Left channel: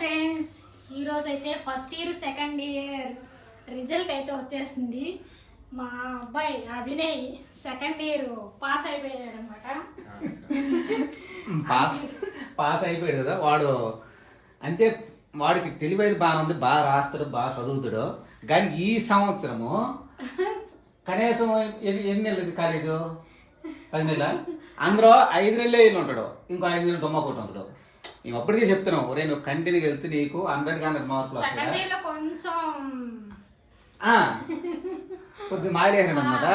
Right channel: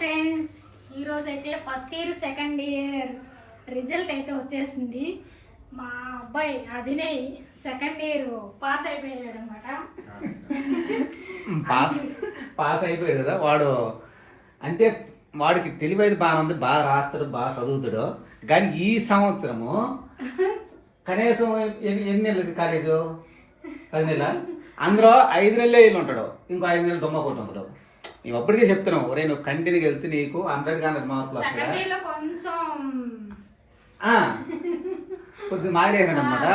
Friends ఈరోజు అయితే first year second year result అయితే వచ్చేసింది. మా అబ్బాయి అభినయ్ సెకండ్ ఇయర్ పాస్ అయిపోయాడు అనమాట పాస్ పాస్ అయిపోయాడు కదా వాడు అంటే వాడికి తెలివైతే బాగా ఉంది బాగా రాస్తాడు బాగా చదువుతాడు. కానీ ఈ సంవత్సరము కనీసం ఎన్ని ఎన్ని నెలలు కాలేజు పది నెలల? అందులో ఐదు నెలలే వెళ్ళి ఉంటాడు. ఇంకో ఐదు నెలలు దొమ్మ కొట్టి ఉంటాడు మేము అప్పటికే చెప్తున్నాం ఒరే నువ్వు కంటిన్యూకి వెళ్తే నీకు హండ్రెడ్ హండ్రెడ్ మార్కులు వస్తాయి? కొద్దిగా మాయలేసాడు అనమాట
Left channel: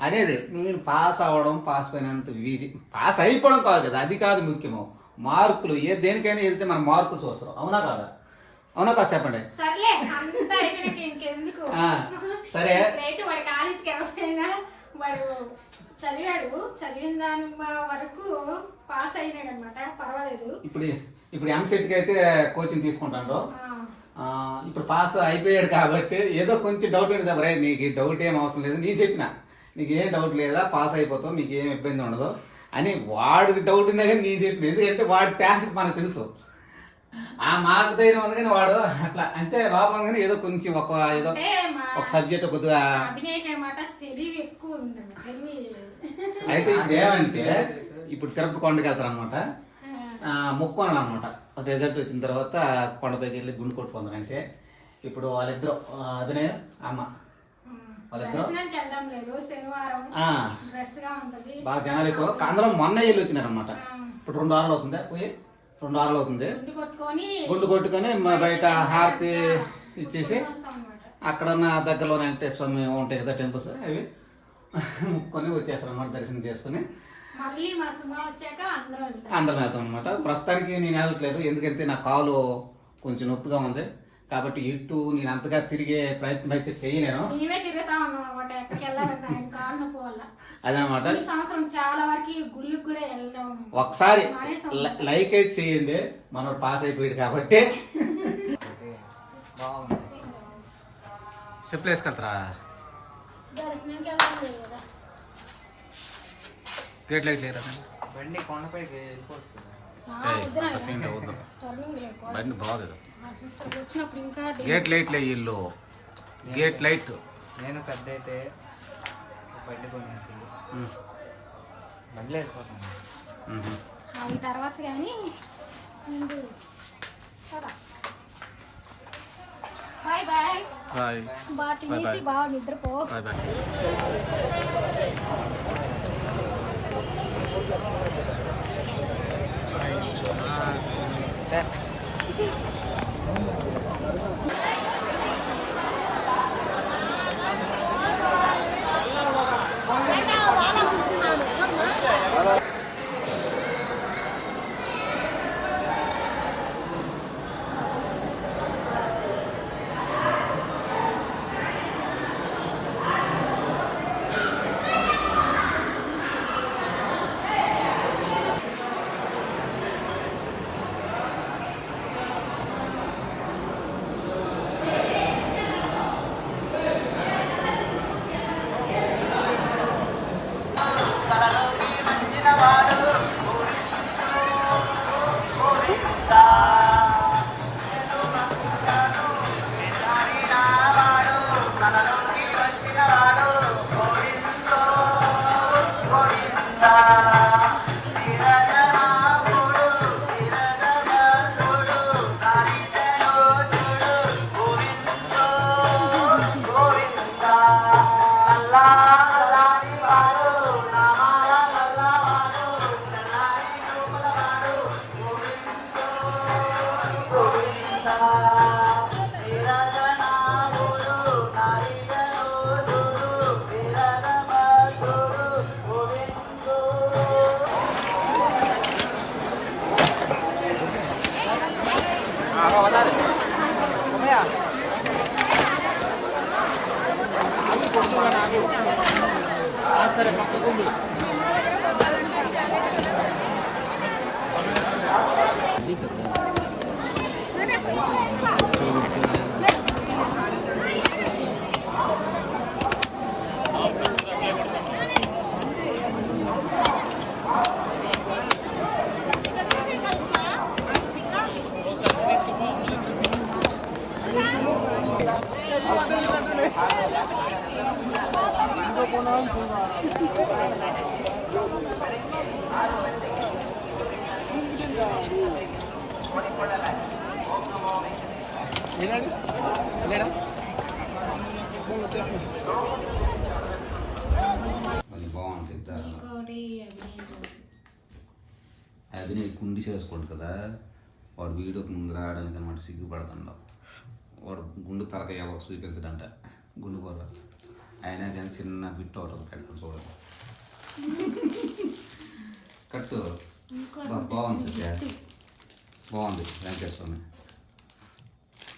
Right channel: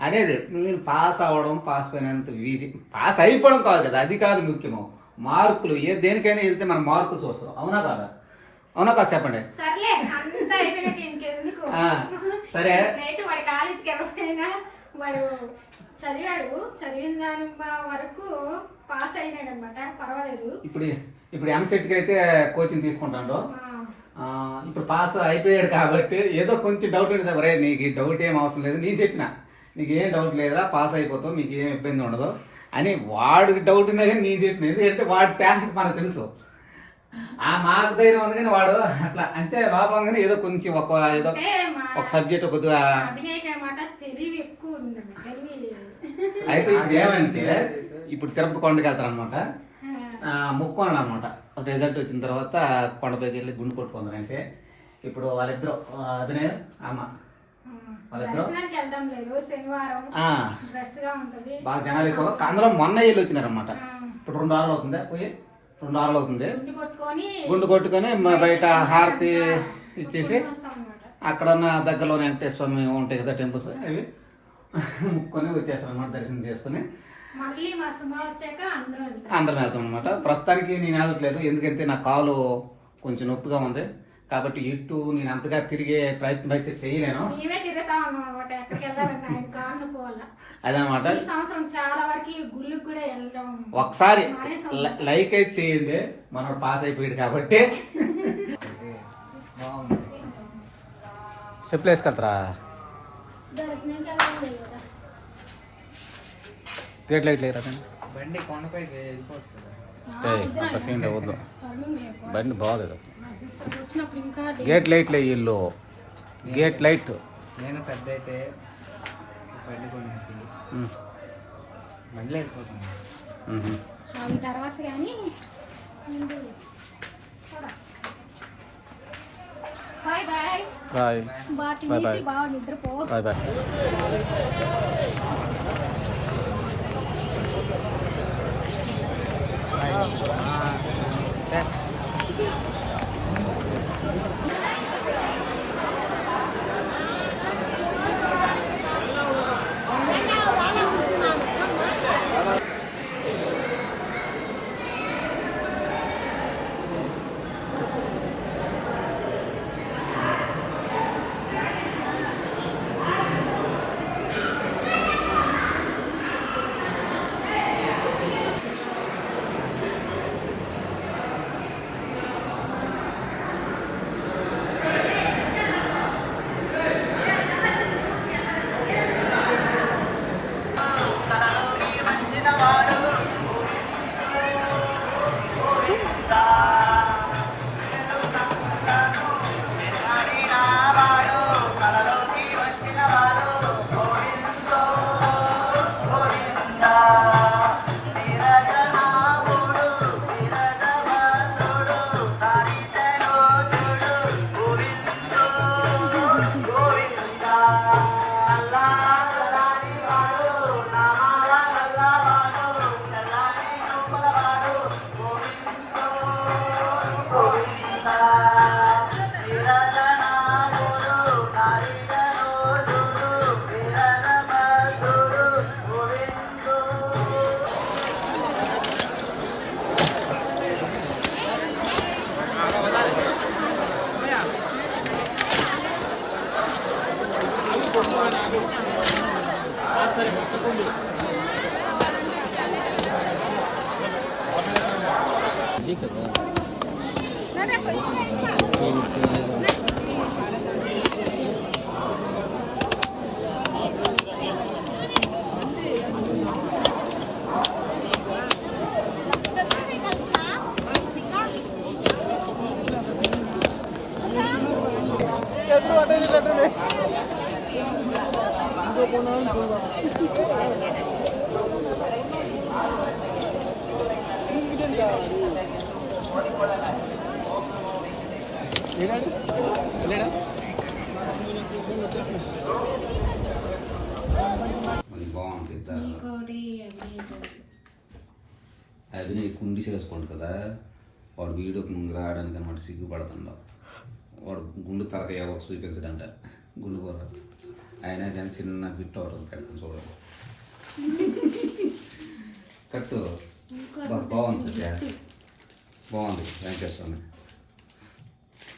అదేది నేను పాస్ అవ్వడం పాస్ అయినంత ఈజీ. పాస్ అయిపోవడం కాదు కదా అది కాదు ముఖ్యము. మార్కులు ఏ దేనికైనా వెళ్తే మనం మార్కులు చూస్తాం. అవునా కాదా? అవునా కాదు చెప్పండి? సరే. వాడు చదివాడు చదివిన దాని వరకు పాస్ అయినాడు అనమాట పర్వాలేదు. ఇప్పుడు ఇప్పుడు ఎంసెట్కి అయితే కోచింగ్ తీసుకుంటాడు. ఇప్పుడు పాస్ అయిపోయాడు కాబట్టి ఏదో కొంచెం డౌట్ ఉంది రే నీకు డౌట్ ఏం అవసరం లేదు. నీ చెప్పిన నీకు ఏం డౌట్ లేదా? పాస్ అయిపోతావు నీకు ఏం ఇబ్బంది ఉండదు అని వాడికి డౌట్ ఉన్నా కానీ నీ చెప్పిన. ఎందుకంటే వాడి టాలెంట్ మనకు తెలుసు. ఆ మార్క్ ధైర్యం ఉంది కానీ వాడు అట్లా అంటే లోపల కానీ ఏదో కొంచెం ఒక ఏదో ఒక సబ్జెక్ట్ కొద్దిగా అభినయ్ అనమాట తెలివి అయితే ఇప్పుడు ఏమంటే ఇప్పుడు తిరుపతి కొండకి వెళ్తారు అనమాట ఆ, ముక్కోనాలు అనమాట రిజల్ట్ వచ్చిన తర్వాత కొండపైకి వెళ్ళి గుండు కొట్టుకుందాం అనేసి ఇప్పుడు వాళ్ళిద్దరు అభినయ్ అమ్మ. వాళ్ళిద్దరు దర్శనానికి వెళ్దాం లేదు. శనివారం ఆ, డ్రెస్గా ఉంటది. బాగా జనాలు ఎక్కువ. అందులో మొన్న వెళ్ళి వచ్చినారనమాట ఇప్పుడు రెండు వారాలు అవుతుంది? పోయి రెండు వారాలు అవుతుంది. గుండు కొట్టుకొని గుండు కొట్టుకొని మ- బయట హారతి ఇచ్చేసి అక్కడ ఉన్న దగ్గరలోనే వెంకటేశ్వర స్వామి ఉంటాయి కదా టెంపుల్స్ అవి. ముక్కొని వచ్చేస్తారు అనమాట దర్శనం చేసుకుని. మళ్ళీ మా సుమా వచ్చాక అందరూ వెళ్తాం. అందరం వెళ్తాం అనమాట ప్రస్తుతానికి నేను వెళ్ళట్లేదు ఎందుకంటే నా కాలు కొంచెం నొప్పిగా ఉంది. కాబట్టి ఇటు నేను అంతగా తిరిగే ప్రయత్నం అయితే చేయలేను. మేమే తిరుగుతా ఉన్నాం అనమాట అదనమాట ఈ సంవత్సరం చాలా వరకు గుళ్ళకి కూడా వెళ్తాం ఒకసారి లైక్ అయితే చేయండి మనోడు పాస్ అయిపోయాడు కాబట్టి. చెప్పులు వేసుకెళ్తారా? దర్శనంకి వెళ్ళాలి కదా గేట్ లైట్ లేరా బండి కొండపైకి అంత సీన్ వద్దు. బండి బాగోలేదు? గేట్ లైట్ లే ఇల్లు. Gate light. నేను పెద్ద అయితే బండి కొనేసి తర్వాత కానీ బాయ్ బాయ్. బాయ్. బాగా నిద్రపో. Bye bye. Thank you. ठीक है బాగుంది చాలా. ఇంకోటి అభినయ్ అభినయ్ కుండి చేసుకోండి కదా వాడు వీడియోకి ముందు రావడానికి అనమాట సిగ్గుపడుతుండవు వాడు గుండు తలకాయ ఎవరికి చూపించడంట. గుండు కూర అయినా కానీ చిన్న బిట్ ఒకటి పెడతాను చూడండి. కట్టు. బాగుంది. బాగుంది. వెంకటేశ్వరని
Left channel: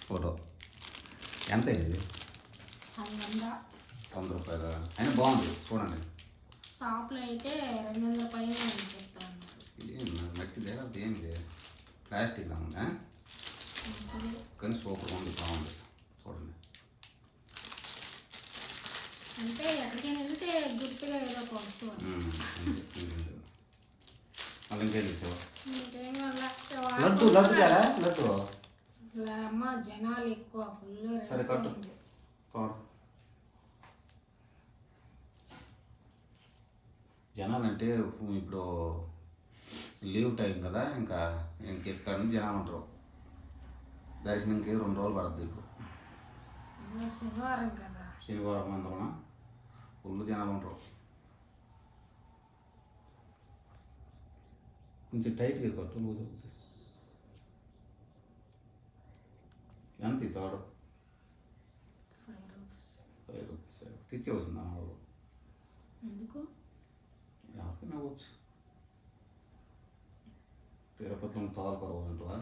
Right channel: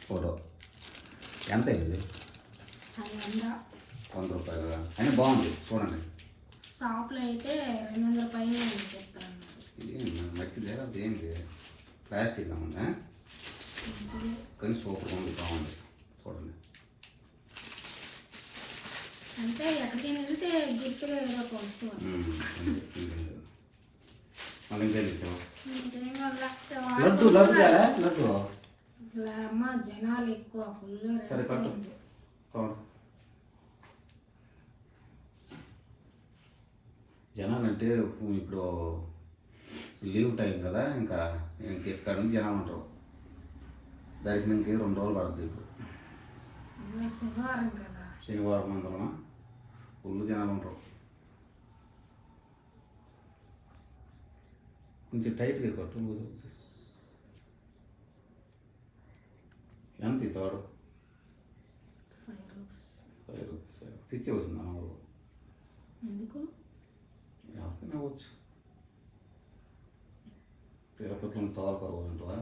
ఫోటో. ఎంత ఇది? వంద రూపాయలు? అయినా బాగుంది. చూడండి. షాప్లో అయితే రెండు వందల పైన చెప్తాను మట్టి లేదా? ఏంది? ప్లాస్టిక్ ఉందా? కానీ సూపర్ ఉంది బాగుంది చూడండి. అంటే ఎక్కడికైనా వెళ్తే గుర్తుగా ఏదో ఒక వస్తువు లడ్డు లడ్డు లడ్డు అమ్మ జనాలు ఎక్కువ ఫుల్ సరే కట్టు. జనాలు అంటే ఇప్పుడు లీవ్ టైం కదా ఇంకా ఇంక ఇక్కడ నుంచి జనాలు ఉంటారు? దర్శనంకి రెండు రోజులు పడుతుంది ఇప్పుడు శనివారం కదా? శనివారం అందులో ఫుల్ జనాలు ఉంటారు. కొంచెం టైట్గా కట్టు లూజ్ అవుతుంది ఎంత ఈ తాడు ఫైవ్ రూపీస్. Five rupees. తెచ్చి వచ్చింది అమ్మ వాళ్ళు ఎందుకు? ఎవరికైనా వచ్చు తిరుపతిలో తోలు పర్వాలంటావా